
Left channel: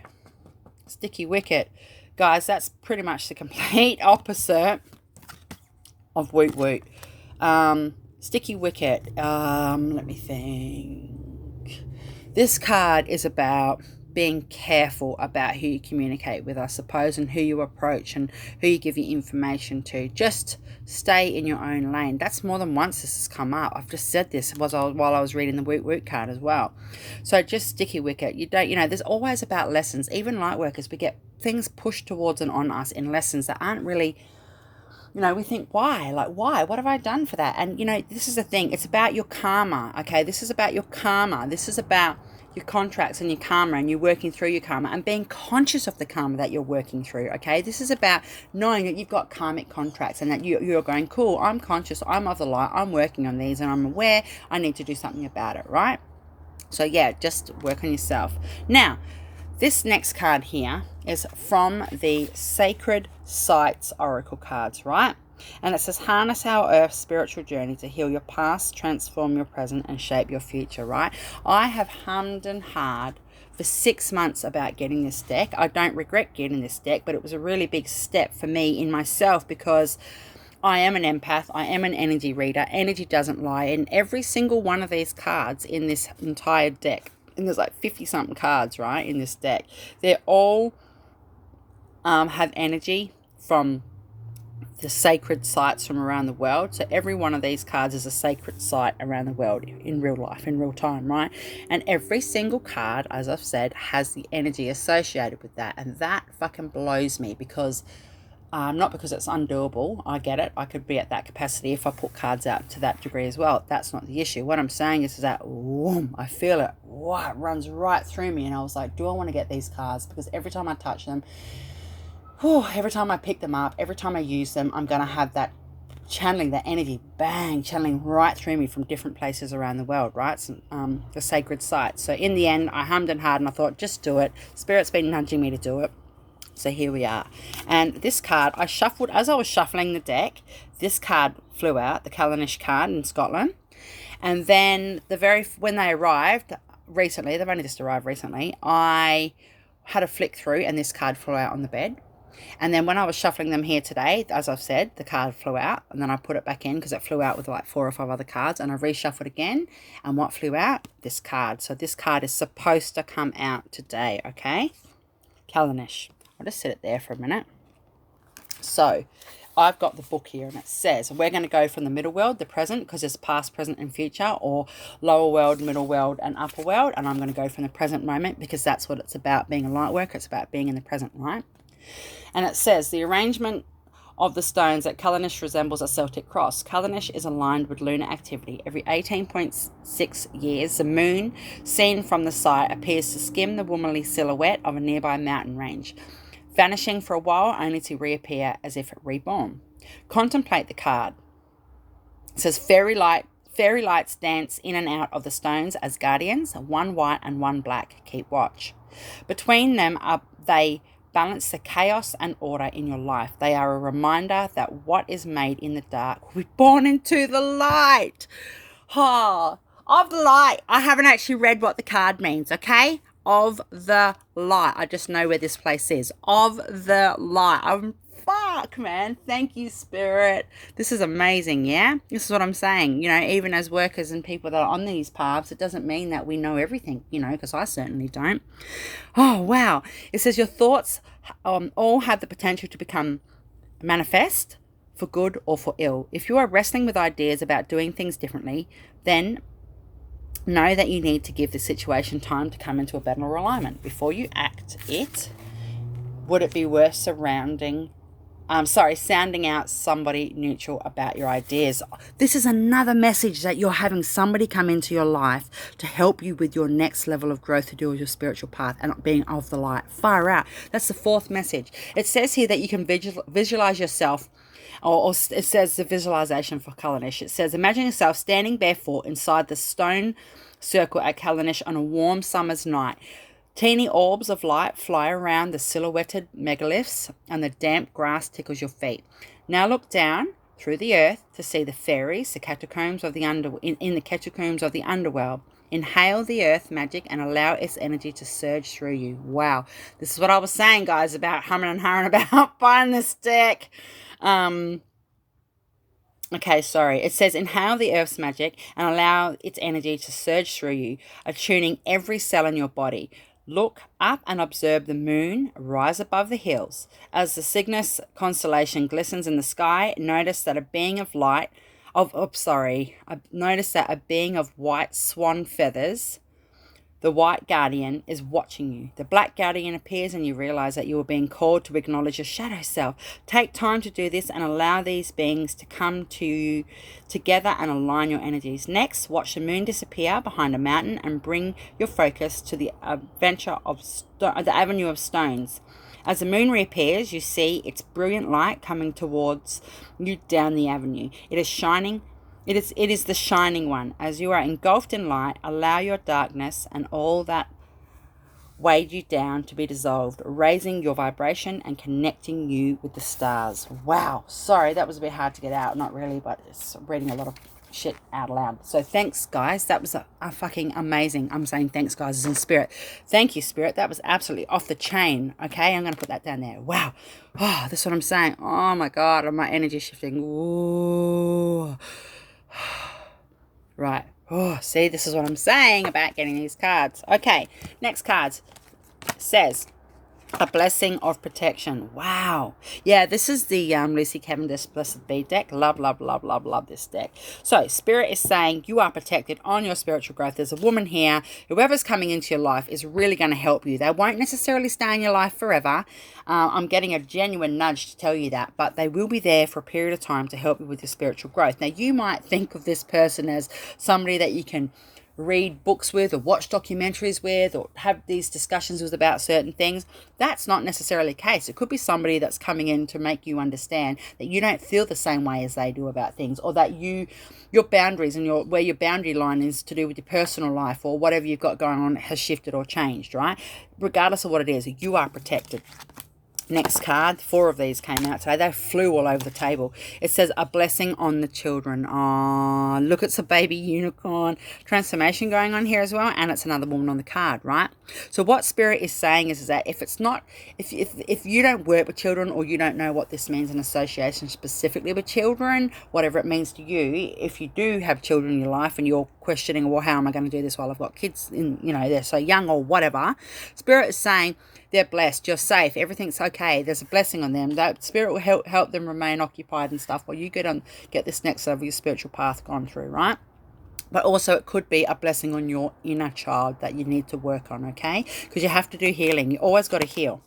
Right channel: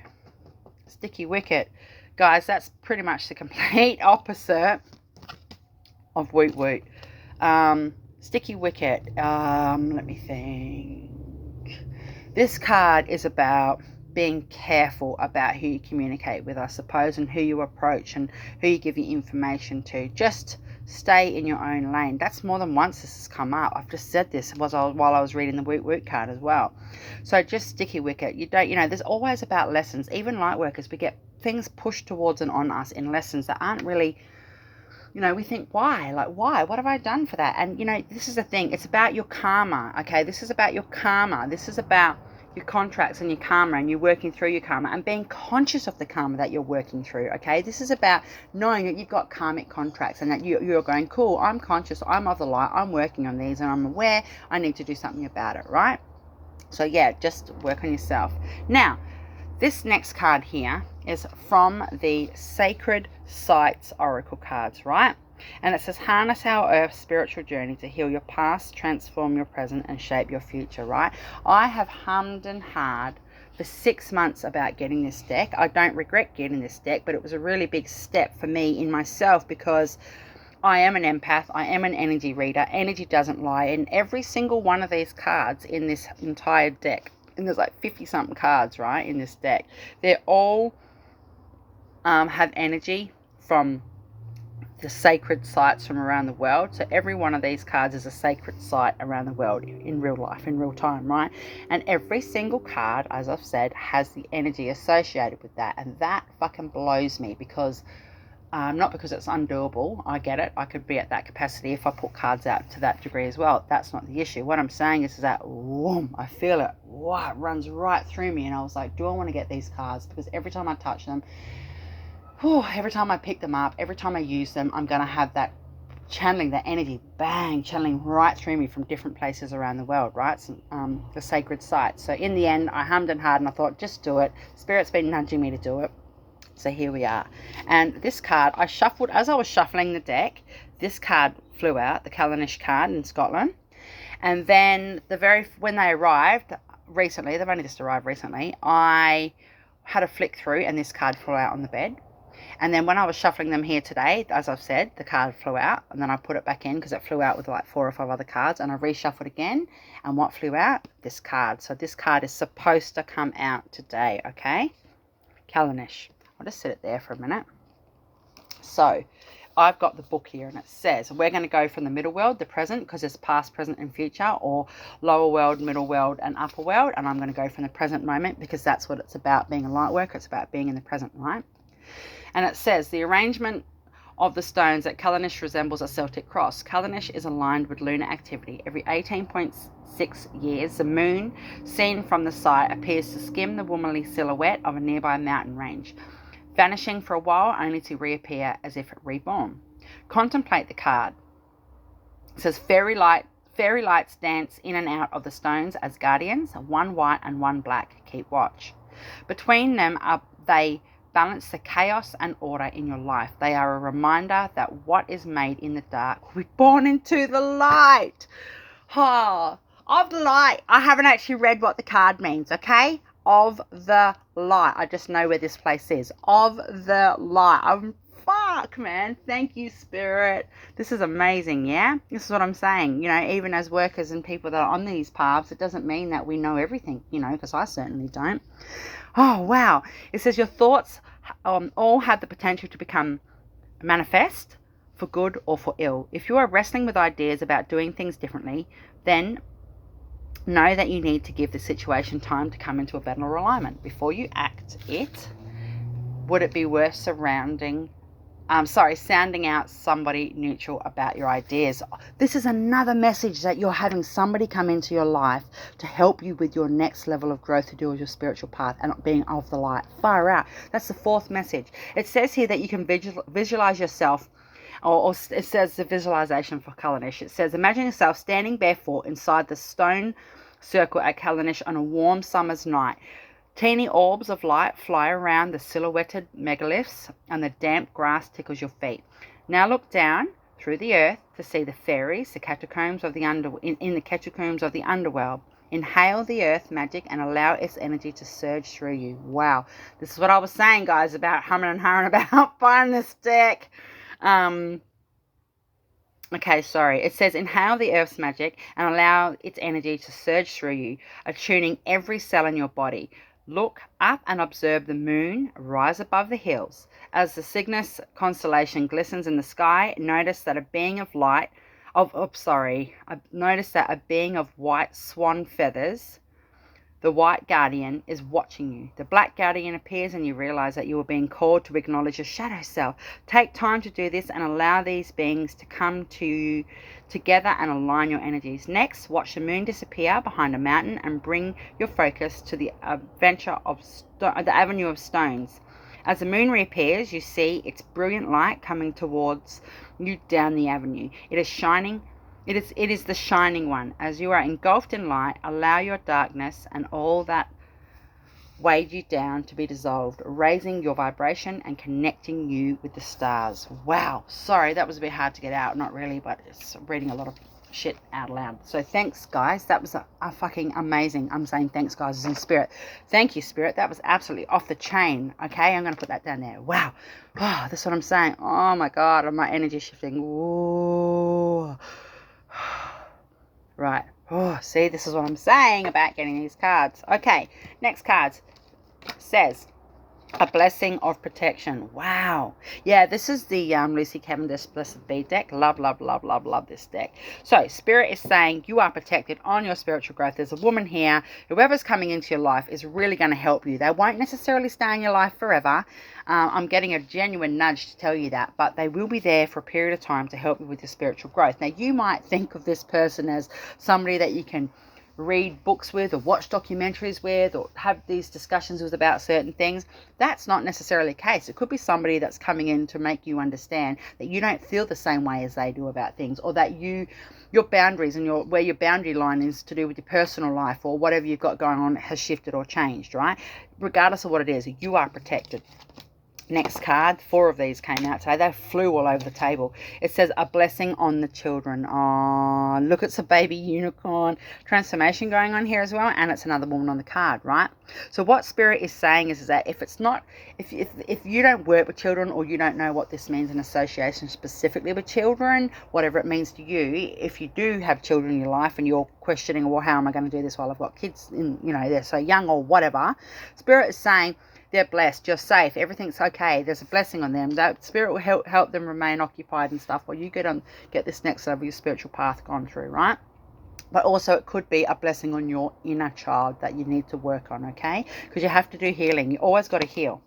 sticky wicket. Guys, that's pretty much the complete opposite of woot woot. Sticky wicket. Let me think. This card is about being careful about who you communicate with, I suppose, and who you approach and who you give your information to. Just stay in your own lane. That's more than once this has come up. I've just said this while I was reading the woot woot card as well. So just sticky wicket. There's always about lessons. Even light workers, we get things pushed towards and on us in lessons that aren't really, we think, why? Like, why? What have I done for that? And, this is the thing. It's about your karma, okay? This is about your karma. This is about your contracts and your karma, and you're working through your karma and being conscious of the karma that you're working through, okay? This is about knowing that you've got karmic contracts and that you're going, cool, I'm conscious, I'm of the light, I'm working on these, and I'm aware I need to do something about it, right? So, yeah, just work on yourself. Now, this next card here is from the Sacred Sites Oracle cards, right? And it says, harness our Earth's spiritual journey to heal your past, transform your present, and shape your future, right? I have hummed and hard for 6 months about getting this deck. I don't regret getting this deck, but it was a really big step for me in myself because I am an empath. I am an energy reader. Energy doesn't lie. And every single one of these cards in this entire deck, and there's like 50-something cards, right, in this deck, they're all have energy from the sacred sites from around the world. So every one of these cards is a sacred site around the world in real life, in real time, right? And every single card, as I've said, has the energy associated with that. And that fucking blows me because, not because it's undoable. I get it. I could be at that capacity if I put cards out to that degree as well. That's not the issue. What I'm saying is that, whoom, I feel it. Wow, it runs right through me. And I was like, do I want to get these cards? Because every time I touch them, every time I pick them up, every time I use them, I'm going to have that channeling, that energy, bang, channeling right through me from different places around the world, right? So, the sacred sites. So in the end, I hummed and hawed and I thought, just do it. Spirit's been nudging me to do it. So here we are. And this card, I shuffled, as I was shuffling the deck, this card flew out, the Callanish card in Scotland. And then when they arrived recently, they've only just arrived recently, I had a flick through and this card flew out on the bed. And then when I was shuffling them here today, as I've said, the card flew out and then I put it back in because it flew out with like 4 or 5 other cards, and I reshuffled again. And what flew out? This card. So this card is supposed to come out today, okay? Callanish. I'll just sit it there for a minute. So I've got the book here and it says we're going to go from the middle world, the present, because it's past, present and future, or lower world, middle world and upper world. And I'm going to go from the present moment because that's what it's about, being a light worker. It's about being in the present, right? And it says the arrangement of the stones at Callanish resembles a Celtic cross. Callanish is aligned with lunar activity. Every 18.6 years, the moon, seen from the site, appears to skim the womanly silhouette of a nearby mountain range, vanishing for a while only to reappear as if reborn. Contemplate the card. It says fairy lights dance in and out of the stones as guardians, one white and one black. Keep watch. Between them they balance the chaos and order in your life. They are a reminder that what is made in the dark will be born into the light. Of the light. I haven't actually read what the card means, okay? Of the light. I just know where this place is. Of the light. Fuck, man. Thank you, Spirit. This is amazing, yeah? This is what I'm saying. You know, even as workers and people that are on these paths, it doesn't mean that we know everything, you know, because I certainly don't. Oh, wow. It says your thoughts all have the potential to become manifest for good or for ill. If you are wrestling with ideas about doing things differently, then know that you need to give the situation time to come into a better alignment. Before you act it, would it be worth sounding out somebody neutral about your ideas? This is another message that you're having somebody come into your life to help you with your next level of growth to do with your spiritual path and being of the light. Far out. That's the 4th message. It says here that you can visualize yourself, or it says the visualization for Callanish. It says, imagine yourself standing barefoot inside the stone circle at Callanish on a warm summer's night. Teeny orbs of light fly around the silhouetted megaliths and the damp grass tickles your feet. Now look down through the earth to see the fairies, the catacombs of the in the catacombs of the underworld. Inhale the earth magic and allow its energy to surge through you. Wow. This is what I was saying, guys, about humming and hawing about buying this deck. Okay, sorry. It says inhale the earth's magic and allow its energy to surge through you, attuning every cell in your body. Look up and observe the moon rise above the hills. As the Cygnus constellation glistens in the sky, notice that a being of white swan feathers, the white guardian, is watching you. The black guardian appears and you realize that you are being called to acknowledge your shadow self. Take time to do this and allow these beings to come to you together and align your energies. Next, watch the moon disappear behind a mountain and bring your focus to the avenue of stones. As the moon reappears, you see its brilliant light coming towards you down the avenue. It is shining. It is the shining one. As you are engulfed in light, allow your darkness and all that weighed you down to be dissolved, raising your vibration and connecting you with the stars. Wow. Sorry, that was a bit hard to get out. Not really, but it's reading a lot of shit out loud. So thanks, guys. That was a fucking amazing. I'm saying thanks, guys, as in spirit. Thank you, spirit. That was absolutely off the chain. Okay, I'm going to put that down there. Wow. Oh, that's what I'm saying. Oh, my God. My energy shifting. Ooh. Right. Oh, see, this is what I'm saying about getting these cards. Okay, next card says a blessing of protection. Wow. Yeah, this is the Lucy Cavendish Blessed Be deck. Love, love, love, love, love this deck. So Spirit is saying you are protected on your spiritual growth. There's a woman here. Whoever's coming into your life is really going to help you. They won't necessarily stay in your life forever. I'm getting a genuine nudge to tell you that, but they will be there for a period of time to help you with your spiritual growth. Now, you might think of this person as somebody that you can read books with or watch documentaries with or have these discussions with about certain things. That's not necessarily the case. It could be somebody that's coming in to make you understand that you don't feel the same way as they do about things, or that your boundaries and where your boundary line is to do with your personal life or whatever you've got going on has shifted or changed, right? Regardless of what it is, you are protected. Next card, 4 of these came out today. They flew all over the table. It says a blessing on the children. Oh, look, it's a baby unicorn transformation going on here as well, and it's another woman on the card, right? So what Spirit is saying is that if you don't work with children, or you don't know what this means in association specifically with children, whatever it means to you, if you do have children in your life and you're questioning, well, how am I going to do this while I've got kids in, they're so young or whatever, Spirit is saying they're blessed, you're safe, everything's okay, there's a blessing on them. That Spirit will help them remain occupied and stuff while you get this next level of your spiritual path gone through, right? But also it could be a blessing on your inner child that you need to work on, okay? Because you have to do healing. You always got to heal.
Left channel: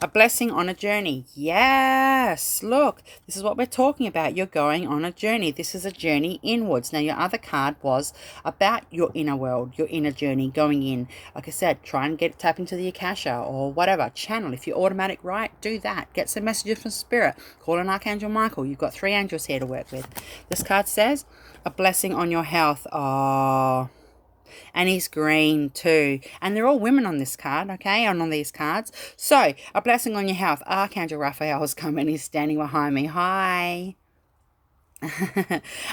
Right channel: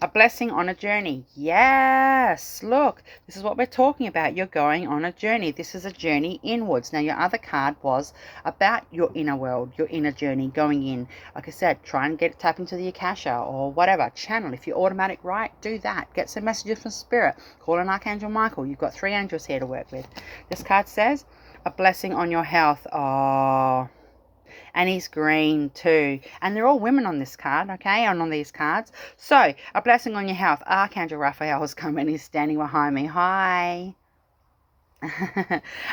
A blessing on a journey. Yes, look, this is what we're talking about. You're going on a journey. This is a journey inwards. Now, your other card was about your inner world, your inner journey, going in. Like I said, try and tap into the Akasha or whatever. Channel. If you're automatic right, do that. Get some messages from Spirit. Call on Archangel Michael. You've got 3 angels here to work with. This card says, a blessing on your health. Oh, and he's green too. And they're all women on this card, okay, and on these cards. So, a blessing on your health. Archangel Raphael has come and he's standing behind me. Hi.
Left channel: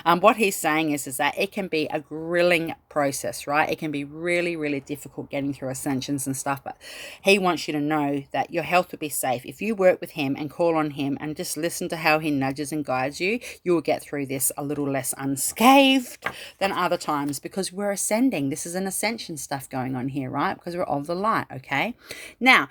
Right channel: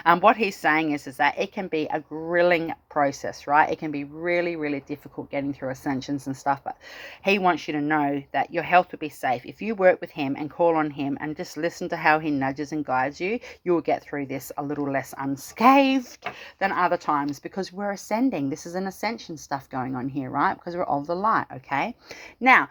What he's saying is that it can be a grilling process, right? It can be really, really difficult getting through ascensions and stuff, but he wants you to know that your health will be safe. If you work with him and call on him and just listen to how he nudges and guides you, you will get through this a little less unscathed than other times, because we're ascending. This is an ascension stuff going on here, right? Because we're of the light, okay? Now,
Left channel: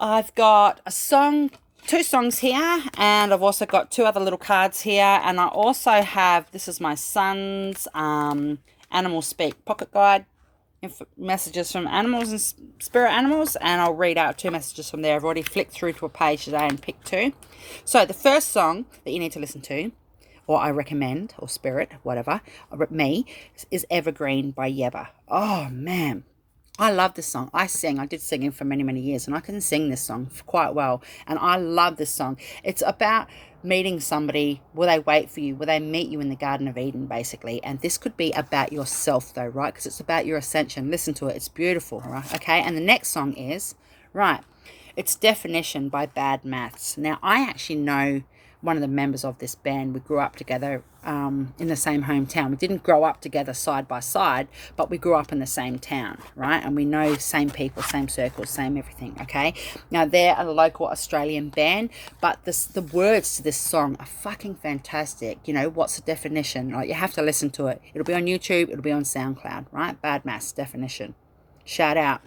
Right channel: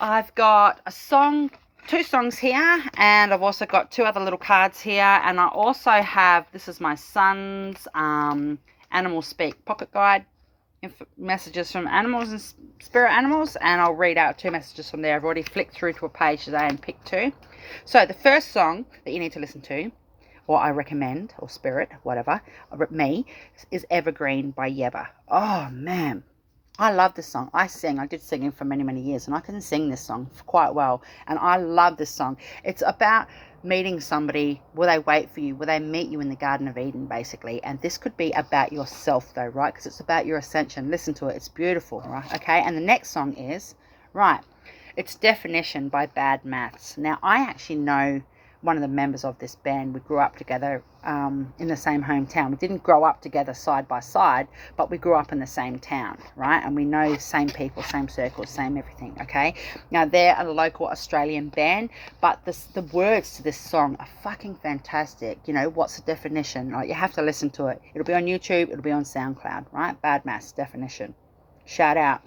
I've got a song, 2 songs here, and I've also got 2 other little cards here, and I also have, this is my son's Animal Speak pocket guide, messages from animals and spirit animals, and I'll read out 2 messages from there. I've already flicked through to a page today and picked 2. So the first song that you need to listen to, or I recommend, or Spirit, whatever, me, is Evergreen by Yeba. Oh, man. I love this song. I did singing for many, many years, and I can sing this song quite well. And I love this song. It's about meeting somebody. Will they wait for you? Will they meet you in the Garden of Eden, basically? And this could be about yourself, though, right? Because it's about your ascension. Listen to it. It's beautiful, right? Okay. And the next song is, right, it's Definition by Bad Maths. Now, I actually know one of the members of this band. We grew up together in the same hometown. We didn't grow up together side by side, but we grew up in the same town, right? And we know same people, same circles, same everything, okay? Now, they're a local Australian band, but the words to this song are fucking fantastic. What's the definition? Like, you have to listen to it. It'll be on YouTube. It'll be on SoundCloud, right? Bad Maths, Definition. Shout out.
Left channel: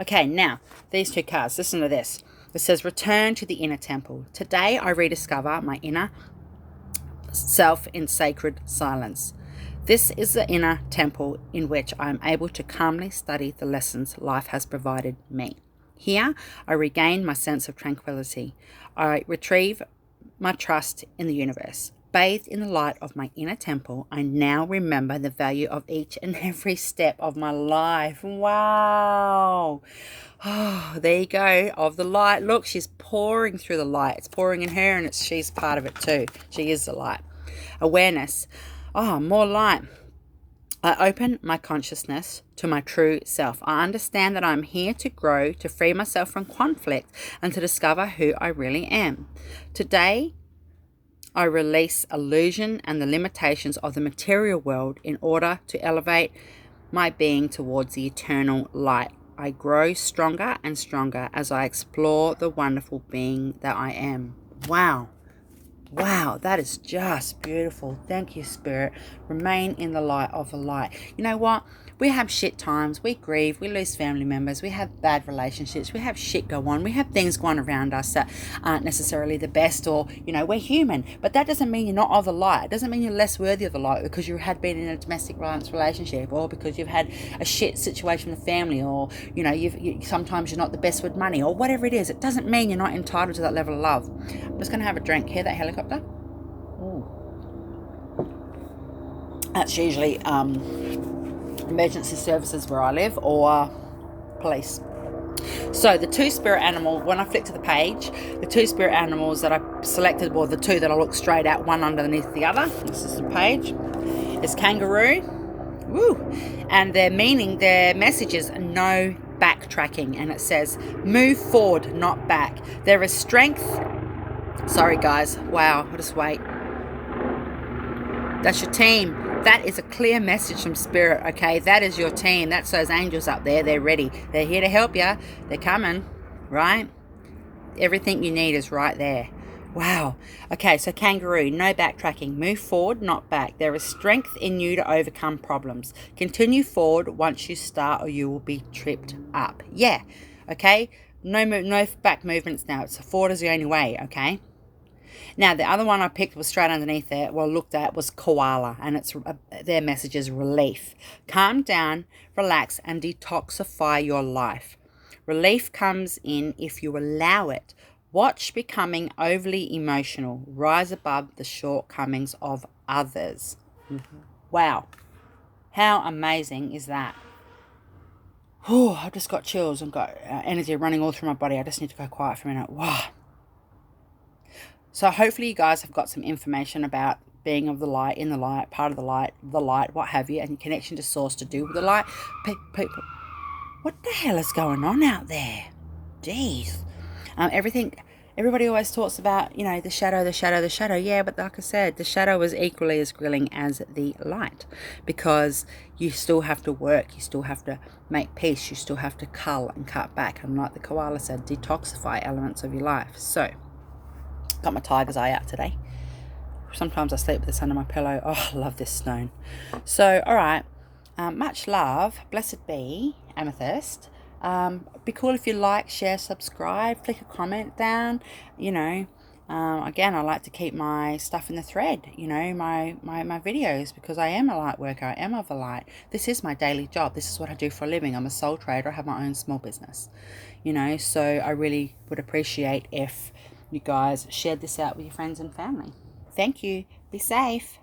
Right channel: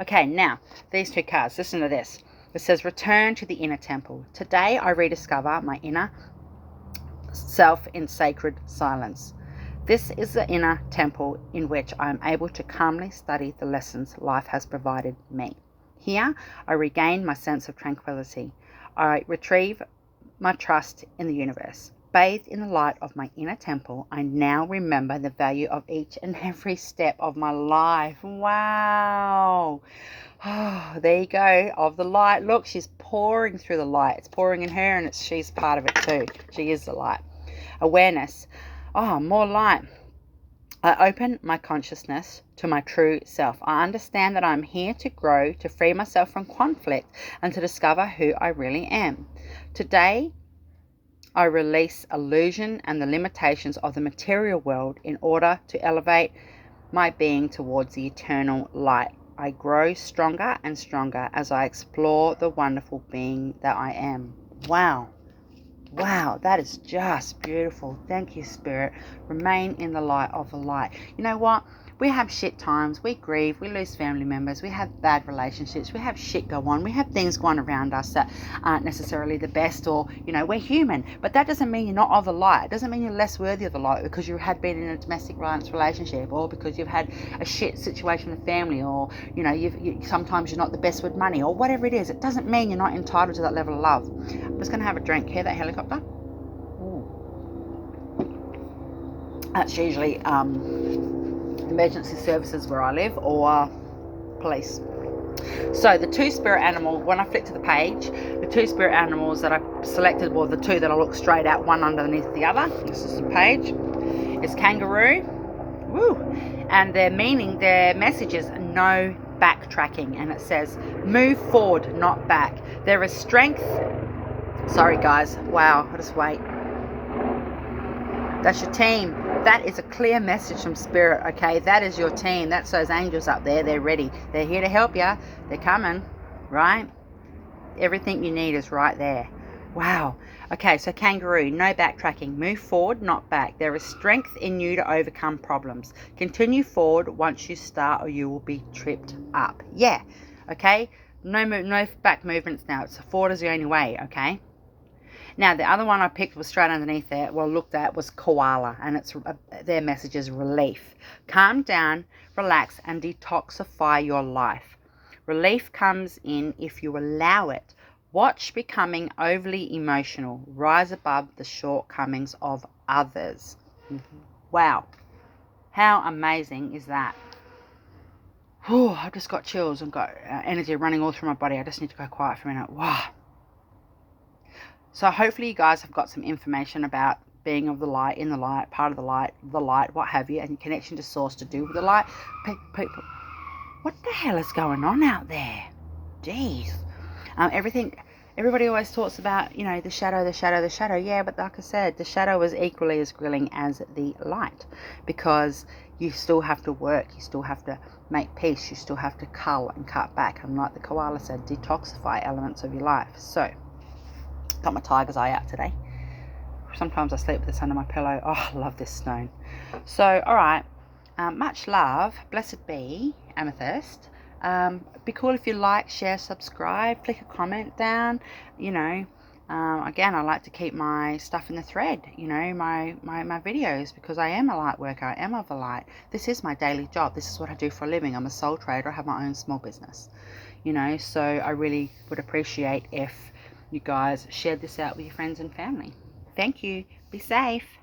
Okay, now, these 2 cards. Listen to this. It says, return to the inner temple. Today, I rediscover my inner self in sacred silence. This is the inner temple in which I am able to calmly study the lessons life has provided me. Here, I regain my sense of tranquility. I retrieve my trust in the universe. Bathed in the light of my inner temple, I now remember the value of each and every step of my life. Wow. Oh, there you go, of the light. Look, she's pouring through the light. It's pouring in her, and she's part of it too. She is the light. Awareness. Oh, more light. I open my consciousness to my true self. I understand that I'm here to grow, to free myself from conflict, and to discover who I really am. Today, I release illusion and the limitations of the material world in order to elevate my being towards the eternal light. I grow stronger and stronger as I explore the wonderful being that I am. Wow. Wow, that is just beautiful. Thank you, Spirit. Remain in the light of the light. You know what? We have shit times. We grieve. We lose family members. We have bad relationships. We have shit go on. We have things going around us that aren't necessarily the best, or, we're human. But that doesn't mean you're not of the light. It doesn't mean you're less worthy of the light because you had been in a domestic violence relationship, or because you've had a shit situation with family, or, sometimes you're not the best with money, or whatever it is. It doesn't mean you're not entitled to that level of love. I'm just going to have a drink. Hear that helicopter? Ooh. That's usually emergency services where I live, or police. So the two spirit animals, when I flick to the page, the two spirit animals that I selected, well, the two that I look straight at, one underneath the other, this is the page, is kangaroo. Woo! And their message is no backtracking, and it says move forward, not back. There is strength. Sorry guys, wow, I'll just wait. That's your team. That is a clear message from Spirit, okay? That is your team. That's those angels up there. They're ready. They're here to help you. They're coming, right? Everything you need is right there. Wow. Okay, so kangaroo, no backtracking. Move forward, not back. There is strength in you to overcome problems. Continue forward once you start, or you will be tripped up. Yeah, okay? No back movements now. It's forward is the only way, okay? Now, the other one I picked was straight underneath there, looked at, was koala, and it's their message is relief. Calm down, relax, and detoxify your life. Relief comes in if you allow it. Watch becoming overly emotional. Rise above the shortcomings of others. Wow. How amazing is that? Oh, I've just got chills and got energy running all through my body. I just need to go quiet for a minute. Wow. So hopefully you guys have got some information about being of the light, in the light, part of the light, what have you, and connection to source to do with the light. People, what the hell is going on out there? Jeez. Everybody always talks about, the shadow. Yeah, but like I said, the shadow is equally as grilling as the light, because you still have to work. You still have to make peace. You still have to cull and cut back. And like the koala said, detoxify elements of your life. So, got my tiger's eye out today. Sometimes I sleep with this under my pillow. Oh, I love this stone. So, all right. Much love. Blessed be, Amethyst. Be cool if you like, share, subscribe, flick a comment down. Again, I like to keep my stuff in the thread, my videos, because I am a light worker. I am of the light. This is my daily job. This is what I do for a living. I'm a soul trader. I have my own small business, so I really would appreciate if you guys shared this out with your friends and family. Thank you. Be safe.